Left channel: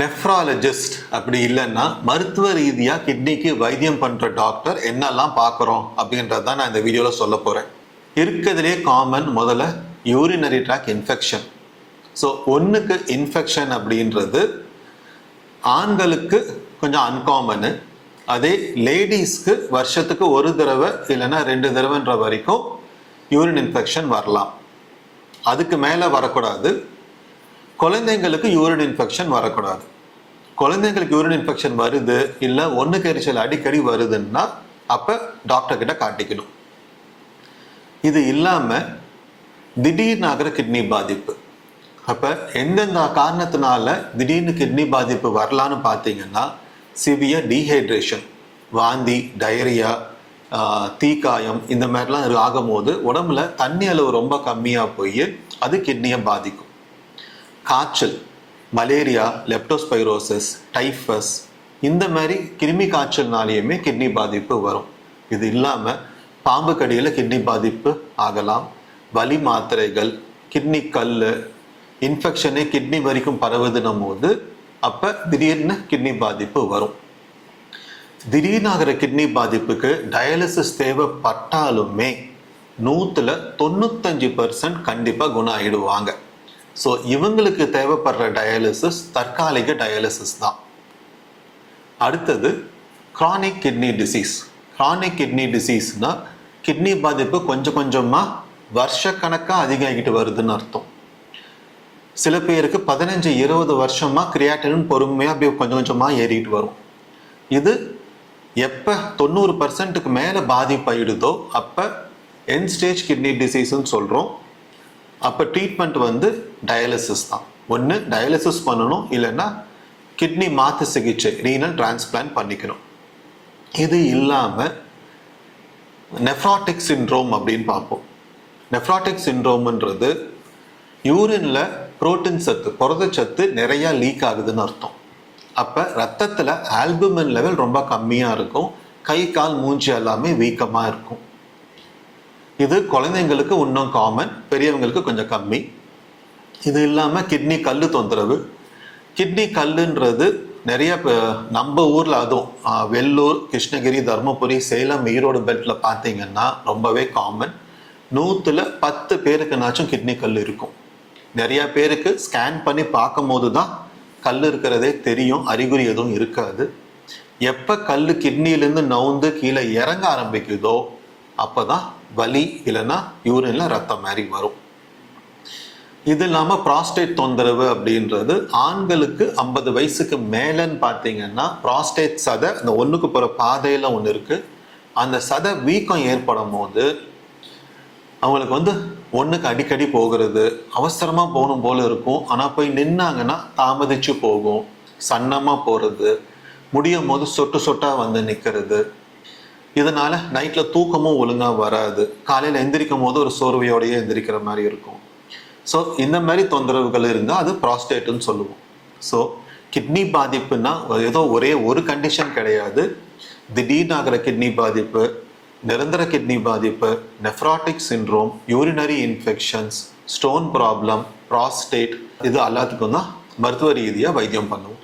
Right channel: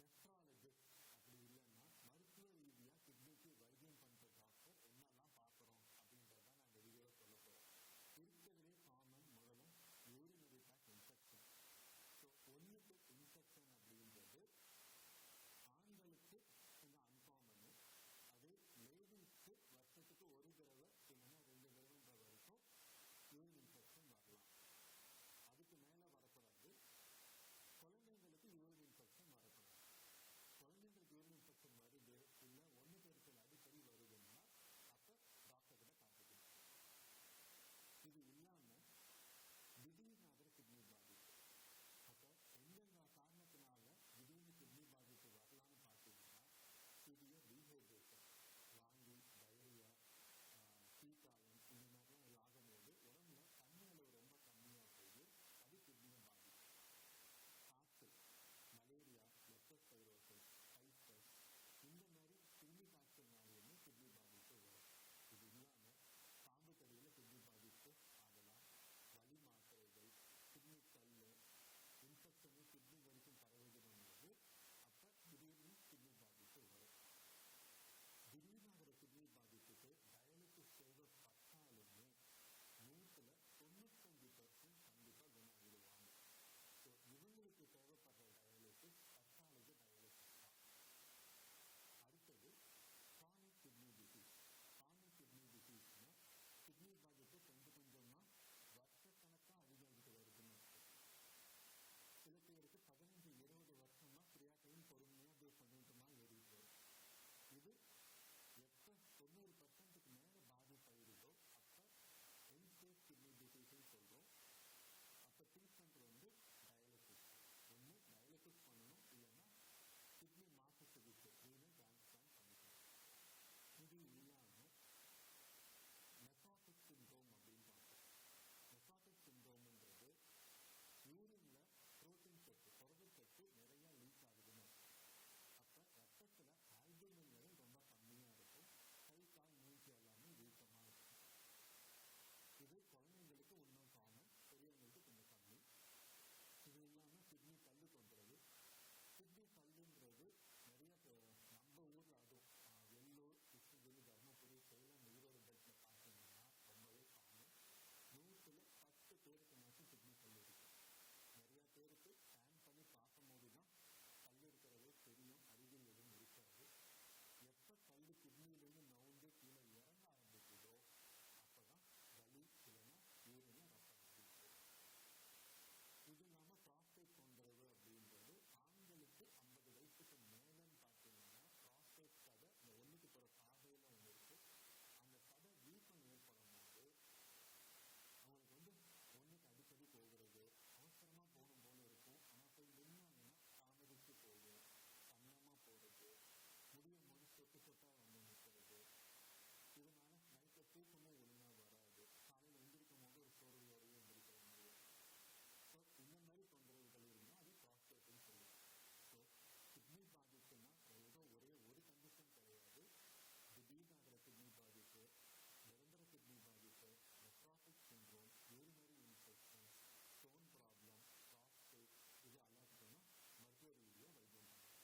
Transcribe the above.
Nephrologist அப்படி இல்லைன்னா மருத்துவ ரீதியாக கிட்னிக்கு வைத்தியம் பண்ணுற டாக்டர் என்னெல்லாம் பார்க்குறோம் அப்படின்றது தான் நான் இந்த வீடியோவில் சொல்ல போகிறேன். இருக்கிறதுலே காமன் முதல்ல யூரினரி ட்ராக் இன்ஃபெக்ஷன். ஸோ ஒன்றுக்கு இன்ஃபெக்ஷன் அப்படின்றது ஆண்களுக்கு கொஞ்சம் அன்காமனு. அதே லேடிஸ்க்கு வருஷத்துக்கு ஒரு தடவை இல்லைன்னா 2 தடவைன்ற வரைக்கும் யூரின் இன்ஃபெக்ஷன் வரலாம். அதுக்கு மேலே வரக்கூடாது. குழந்தைங்களுக்கு யூரின் இன்ஃபெக்ஷன் வரக்கூடாது. குழந்தைங்களுக்கு யூரின் இன்ஃபெக்ஷன் வருது இல்லை ஒன்றுக்கு எரிச்சல் அடிக்கடி வருதுன்னா அப்போ டாக்டர் கிட்ட காட்டிக்கணும். இது இல்லாமல் திடீர்னு ஆகிற கிட்னி பாதிப்பு. அப்போ எந்தெந்த காரணத்தினால திடீர்னு கிட்னி பாதிப்பு வரலான்னு பார்த்தீங்கன்னா சிவியர் டீஹைட்ரேஷன், வாந்தி, டயரியா, தீக்காயம் இந்த மாதிரிலாம் ஆகும்போது உடம்புல தண்ணி அளவு ரொம்ப கம்மியாக போய் அது கிட்னியை பாதிக்கும். காய்ச்சல், மலேரியா, லெப்டோஸ்பைரோசிஸ், டைஃபஸ் இந்த மாதிரி கிருமி காய்ச்சல்னாலேயுமே கிட்னி பாதிப்பு வரும். இது இல்லாமல் பாம்பு கடியில் கிட்னி பாதிப்பு ஆகலாம். வலி மாத்திரைகள், கிட்னி கல், இன்ஃபெக்ஷனே கிட்னி வரைக்கும் பரவுதுன்னும் போது அப்போ திடீர்னு கிட்னி பாதிப்பு வரும். திடீர்னு ஆகிற கிட்னி பாதிப்புக்கு டயாலிசிஸ் தேவைப்பட்டாலுமே 95% கண்டிப்பாக குணம் ஆகிடுவாங்க. ஸோ இவங்களுக்கு தேவைப்படுற டயாலிசிஸ் தற்காலிக டயாலிசிஸ் தான். அடுத்தது chronic kidney disease. Chronic kidney டிசீஸ்னா கிட்னி பாதிப்பு கொஞ்சம் கொஞ்சமாக வருஷக்கணக்காக அதிகமாகிட்டு வருதுன்னு அர்த்தம். சில பேருக்கு 15-20 வருஷமாக கிரியாட்டின் பொறுமையாக அப்படியே கொஞ்சம் கொஞ்சமாக ஏறிட்டு வரும். இது எப்போ 90%க்கு மேலே பாதிப்பாயிடுதோ அப்போ எண்ட் ஸ்டேஜ் கிட்னி டிசீஸ்ன்னு சொல்கிறோம். அப்போ ட்ரீட்மெண்ட் டயாலிசிஸ் தான். ஒன்று டயாலிசிஸ் பண்ணணும், இல்லைன்னா கிட்னி மாற்று சிகிச்சை ரீனல் டிரான்ஸ்பிளான்ட் பண்ணிக்கணும். இது இல்லாமல் நெஃப்ராட்டிக் சிண்ட்ரோம் அப்படின்னு பார்ப்போம். நெஃப்ராட்டிக் சிண்ட்ரோம்ன்றது யூரினில் புரோட்டீன் சத்து, புரதச்சத்து நிறையா லீக் ஆகுதுன்னு அர்த்தம். அப்போ ரத்தத்தில் ஆல்புமின் லெவல் ரொம்ப கம்மியாக இருக்கும். கை கால் மூஞ்சி எல்லாமே வீக்கமாக இருக்கும். இது குழந்தைங்களுக்கு இன்னும் காமன், பெரியவங்களுக்கு கொஞ்சம் கம்மி. இது இல்லாமல் கிட்னி கல் தொந்தரவு. கிட்னி கல்லுன்றது நிறைய நம்ம ஊரில், அதுவும் வெள்ளூர், கிருஷ்ணகிரி, தருமபுரி, சேலம், ஈரோடு பெல்ட்டில் பார்த்தீங்கன்னா ரொம்பவே காமன். 100-10 பேருக்குனாச்சும் கிட்னி கல் இருக்கும். நிறையா பேருக்கு ஸ்கேன் பண்ணி பார்க்கும் போது தான் கல் இருக்கிறதே தெரியும், அறிகுறி எதுவும் இருக்காது. எப்போ கல் கிட்னியிலேருந்து நவுந்து கீழே இறங்க ஆரம்பிக்குதோ அப்போ தான் வலி இல்லைன்னா யூரினில் ரத்தம் மாதிரி வரும். இது இல்லாமல் ப்ராஸ்டேட் தொந்தரவு அப்படின்றது ஆண்களுக்கு 50 வயசுக்கு மேலேன்னு பார்த்தீங்கன்னா ப்ராஸ்டேட் சதை, அந்த ஒன்றுக்கு போகிற பாதையில் ஒன்று இருக்குது. அந்த சதை வீக்கம் ஏற்படும் போது அவங்களுக்கு ஒன்றுக்கு அடிக்கடி போகிறது, அவசரமாக போகணும் போல இருக்கும். ஆனால் போய் நின்னாங்கன்னா தாமதிச்சு போகும், சன்னமாக போகிறது, முடியும் போது சொட்டு சொட்டாக நிற்கிறது. இதனால் நைட்டில் தூக்கமும் ஒழுங்காக வராது. காலையில் எந்திரிக்கும் போது ஒரு சோர்வையோடையே எந்திரிக்கிற மாதிரி இருக்கும். ஸோ இந்த மாதிரி தொந்தரவுகள் இருந்தால் அது ப்ராஸ்டேட்டுன்னு சொல்லுவோம். ஸோ கிட்னி பாதிப்புன்னா ஏதோ ஒரே ஒரு கண்டிஷன் கிடையாது. திடீர்னு ஆகிற கிட்னி பாதிப்பு, நிரந்தர கிட்னி பாதிப்பு, nephrotic syndrome, urinary infections, stone problem, prostate, இது எல்லாத்துக்கும் தான் மருத்துவ ரீதியாக வைத்தியம் பண்ணுவோம்.